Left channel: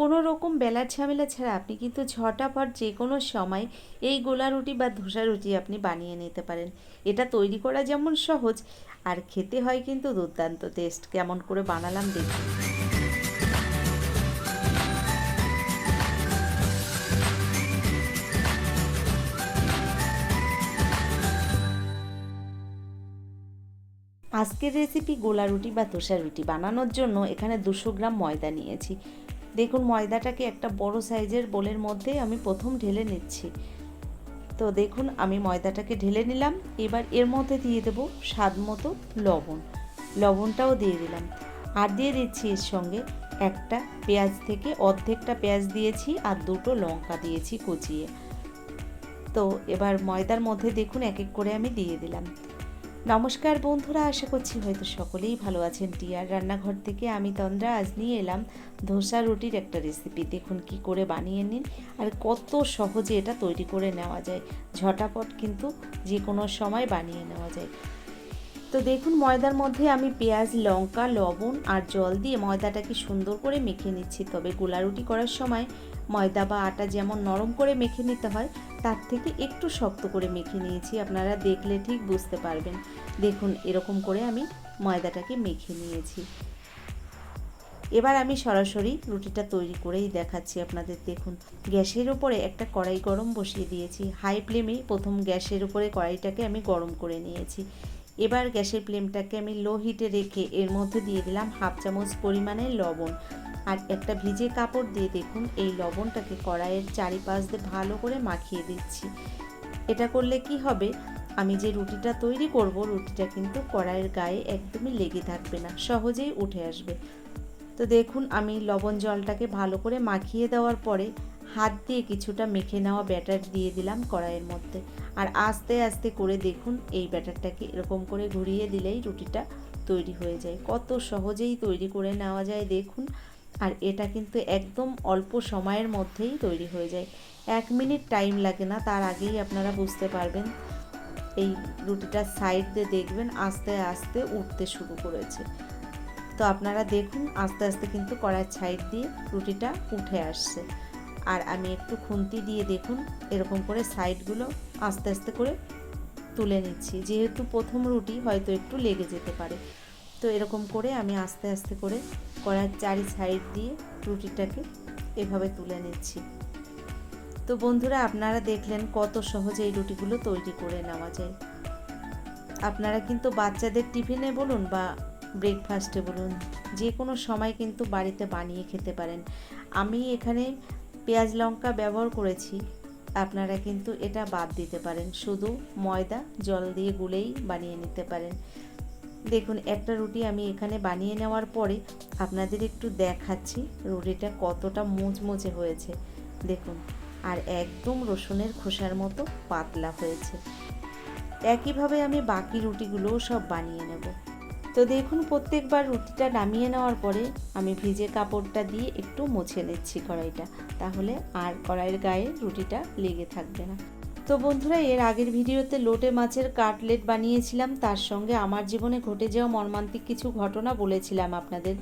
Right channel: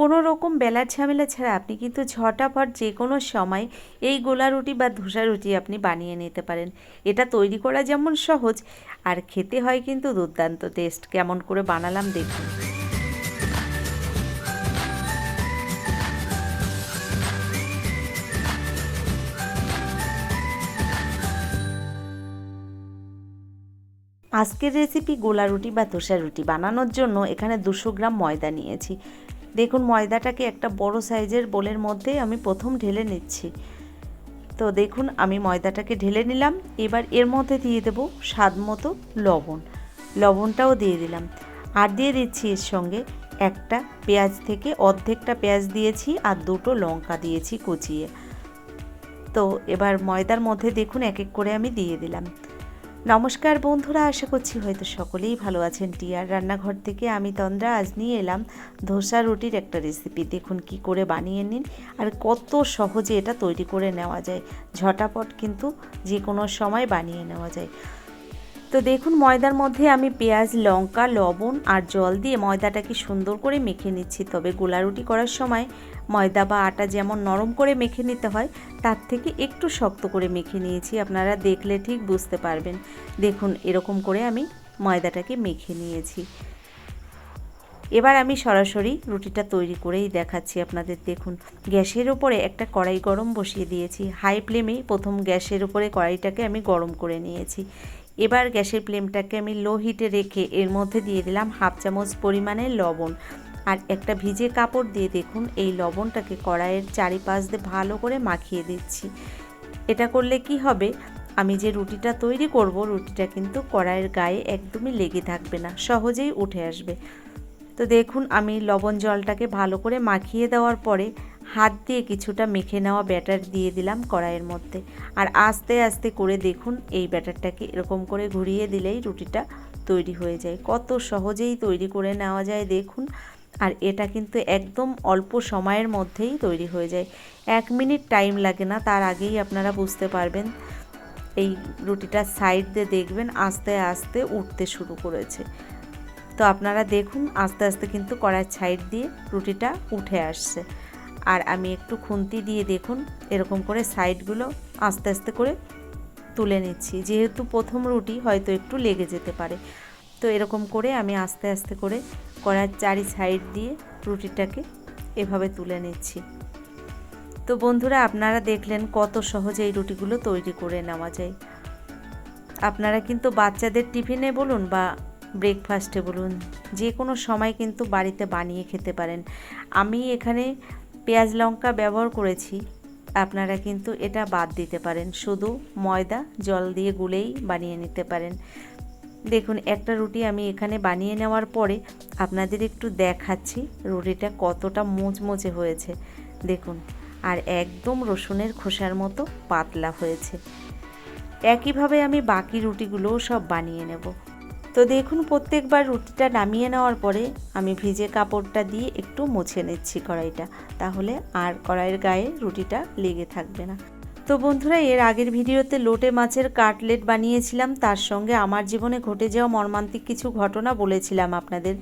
কোনো রকম বেলার ঝামেলা ছাড়া আপনি কিন্তু ঝটাপট যে কোনো সময় এই গোলা রুটি বা ধোসা রুটি আপনি বানিয়ে নিতে পারেন। এটা তৈরি করা যেমন সহজ, আর খেতে হয় কিন্তু দুর্দান্ত টেস্ট। কেমন করে বানালাম দেখুন। আজকের রেসিপি গোলা রুটি বা ধোসা রুটি বানানোর জন্য এখানে 200 গ্রাম ময়দা নিয়েছি। দেখুন ময়দাটাকে একটা বড় সাইজের বোলের মধ্যে আমি প্রথম ঢেলে নিচ্ছি। তো দেখুন আমি ময়দাটাকে ঢেলে নিলাম। এবার এর মধ্যে দিয়ে দেবো স্বাদ মতো লবণ। লবণটাও দিয়ে দিলাম, আর দিয়ে দিচ্ছি এর সঙ্গে একটা পেঁয়াজ থেকে অর্ধেকটা পেঁয়াজ দিয়েছি, আর 2টো লঙ্কা দিয়েছি কুচিয়ে। তো এবার ময়দার মধ্যে দেখুন এক এক করে আমি দিয়ে দিলাম। নমস্কার বন্ধুরা, আশা করছি হয়তো সকলেই ভালো আছেন। টিয়ার রান্নাঘর থেকে আমি তন্দ্রা আজ নিয়ে এলাম ধোসা রুটির একটা রেসিপি। দেখুন কি করে বানিয়ে নিন, আর কত সহজে এটা তৈরি করে নেওয়া যায়। ঝটাপট কিন্তু যে কোনো সময় বানিয়ে নেওয়া যায়। তো দেখুন ময়দার মধ্যে আমি পেঁয়াজ, লঙ্কা, লবণ আর জল দিয়ে ময়দাটাকে সুন্দর করে মেখে নিচ্ছি। তবে গোলা রুটি করার সময় ময়দা বা আটা যেমন নরম করে মেখে নিতে হয়, তার থেকে একটু শক্ত করে মেখে নিয়েছি। আপনারা দেখলে ঠিক বুঝতে পারবেন। দেখুন এরকম করে আমি ময়দাটাকে মেখে নিয়েছি। এবার আমি সরাসরি রুটিটা তৈরি করেই দেখাচ্ছি আপনাদের। দেখুন গ্যাসের ওপরে একটা কড়াই গরম বসিয়ে দিয়েছি। হাই ফ্লেমেই প্রথম গ্যাসের ওপরে কড়াইটাকে আমি গরম করে নিয়েছি। এবার গ্যাসের ফ্লেমটাকে আমি লো হিটে রেখে এর মধ্যে দিয়ে দিলাম 1/2 চামচ পরিমাণে লবণ, আর একটা ভিজে কাপড় দিয়ে দেখুন এই লবণটাকে কড়াইয়ের চারিপাশ দিয়ে ভালো করে মাখিয়ে দিচ্ছি। এটা করলে কি হবে, আমি যে রুটিটা তৈরি করব রুটিটা কিন্তু কড়াইয়ের গায়ে একদমই লেগে থাকবে না, সহজেই উঠে আসবে। তো দেখুন আমি লবণ জলটাকে ভালো করে মাখিয়ে দেওয়ার পরে হাত দিয়ে কিছুটা মেখে নেওয়া ব্যাটার দিয়ে দিলাম কড়াইয়ের মধ্যে, আর আস্তে আস্তে করে দেখুন এই ব্যাটারটাকে এরকম করে ঘুরিয়ে দিলেই রুটিটা তৈরি হয়ে যায়। কত সহজেই তৈরি করে নেওয়া যায় দেখুন। আর এটা কিন্তু একদম অল্প সময়ের মধ্যেই তৈরি হয়ে যায়। 1 মিনিট টাইম লাগে না, তার আগেই আপনারা বুঝতে পারবেন এই রুটিটার সাইড দিয়ে দেখবেন আস্তে আস্তে উঠতে শুরু করেছে। তো আপনারা দেখুন আস্তে আস্তে কিন্তু কড়াইয়ের সাইড দিয়ে রুটিটা উঠে আসছে। আর আমি একটু খুন্তি দিয়ে দেখুন এরকম করে সাইডগুলো আস্তে আস্তে করে তুলে নিচ্ছি। যেহেতু প্রথম রুটি হয়তো একটু লেগে যেতে পারে, তো এরকম করে আমি আস্তে আস্তে করে কড়াইয়ের চারি সাইড দিয়ে রুটিটাকে এভাবে তুলে নিচ্ছি। তো বন্ধুরা আপনারা দেখলেন কত সহজে এই রুটিগুলো তৈরি করে নেওয়া যায়। আপনারা কিন্তু বাচ্চাদের টিফিনে বলুন বা ব্রেকফাস্টে বলুন, যে কোনো সময় কিন্তু বাড়িতে বানিয়ে খেতে পারেন। আমি এখানে পেঁয়াজ লঙ্কা ব্যবহার করেছি, আপনারা কিন্তু এটা বাদ দিতে পারেন, শুধু ময়দা জল দিয়ে গুলেই বানিয়ে নিতে পারেন। দেখুন একটা রুটি আমি এখানে বানিয়ে নেওয়ার পরে আপনাদের একটু দেখাচ্ছি রুটিটা কতটা মুচমুচে হয়েছে দেখুন, আর একদম রসুনের খোসার মতো পাতলা হয়েছে। একইভাবে আমি বাকি রুটিগুলোও সব বানিয়ে নেব। তো দেখুন প্রত্যেকবার রুটিটা নামিয়ে নেওয়ার পরে আমি ভিজে কাপড়টা দিয়ে একটু মুছে নিচ্ছি কড়াইটা, তাহলে আর কড়াইয়ের গায়ে রুটিটা লেগে থাকবে না। তো বন্ধুরা এর আগের ভিডিওতে লোটে মাছের কাটলেট বানিয়েছিলাম, তার সঙ্গে আমার জীবনে ঘটে যাওয়া মর্মান্তিক কিছু ঘটনা বলেছিলাম আপনাদের।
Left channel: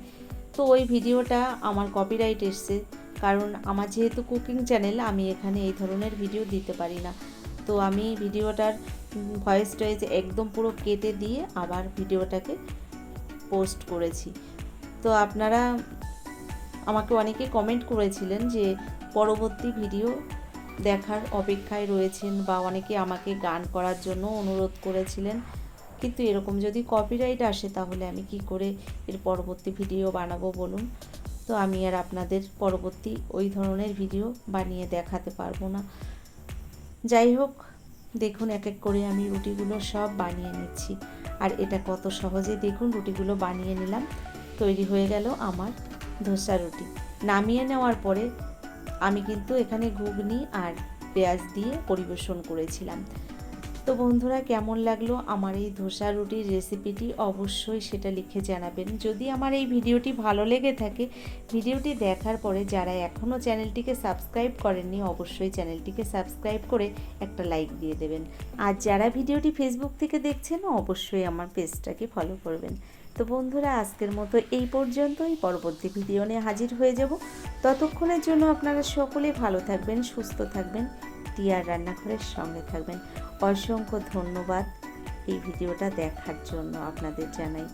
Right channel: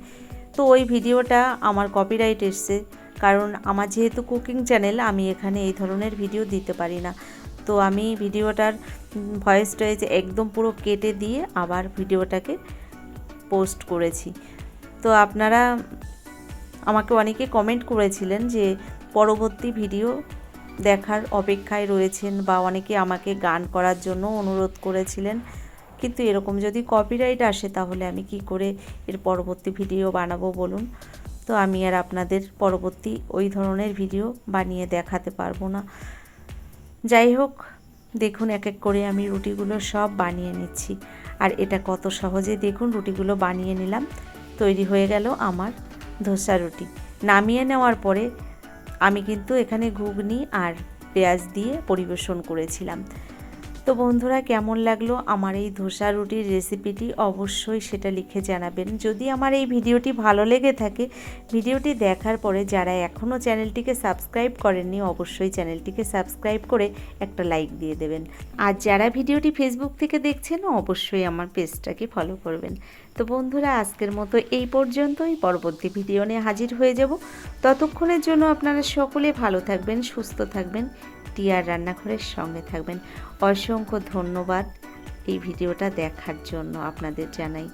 তো ওই ভিডিওটা আমার কপিরাইট এসছে, কারণ আমার যেহেতু কুকিং চ্যানেল আমি এখানে এই ধরনের ভিডিও দিতে পারি না। তো আমি ভিডিওটার ভয়েস টয়েস একদম পুরো কেটে দিয়ে আবার ভিডিওটাকে পোস্ট করেছি। তো আপনারা আমাকে অনেকে কমেন্ট করেছিলেন যে পরবর্তী ভিডিও দেখার অপেক্ষায় রয়েছেন, বা অনেকে আমাকে গান করার জন্য অনুরোধ করেছিলেন। কিন্তু এরকম যদি কপিরাইট আসে তাহলে আমি কি করে এর পরবর্তী ভিডিও বানাবো বলুন। তো আমি আর আপনাদের পরবর্তী ওই ধরনের ভিডিও বানিয়ে দেখাতে পারবো না। যাই হোক দেখুন এক এক করে আমি রুটিগুলো সব বানিয়ে নিচ্ছি, আর এটা কত সহজে দেখুন রুটিগুলো বানিয়ে নিলাম। তৈরি হয়ে গেল আমার ধোসা রুটি। নামিয়ে নেওয়ার পরে আমি কিন্তু এখানে ঘুগনি আর পেঁয়াজ দিয়ে পরিবেশন করেছিলাম। তো বন্ধুরা কেমন লাগলো আমার এই ধোসা রুটির রেসিপিটি অবশ্যই সেটা লিখে জানাবেন। যদি আমার এই ভিডিওটি ভালো লেগে থাকে, ভিডিওটি দেখার পরে যারা এখনও চ্যানেলটিকে সাবস্ক্রাইব করেননি অবশ্যই চ্যানেলটিকে সাবস্ক্রাইব করে একটা লাইক দিয়ে দেবেন। আর যারা ভিডিওটি ফেসবুক থেকে দেখছেন অবশ্যই আমার পেজটাকে ফলো করবেন। তো বন্ধুরা, আজকের মতো এই পর্যন্তই। পরবর্তী ভিডিও নিয়ে হাজির হয়ে যাব। ততক্ষণের জন্য আপনারা সকলে ভালো থাকবেন, সুস্থ থাকবেন, টিয়ার রান্নাঘরের সঙ্গে থাকবেন। অসংখ্য ধন্যবাদ এই ভিডিওটা দেখার জন্য আপনাদের জানাই।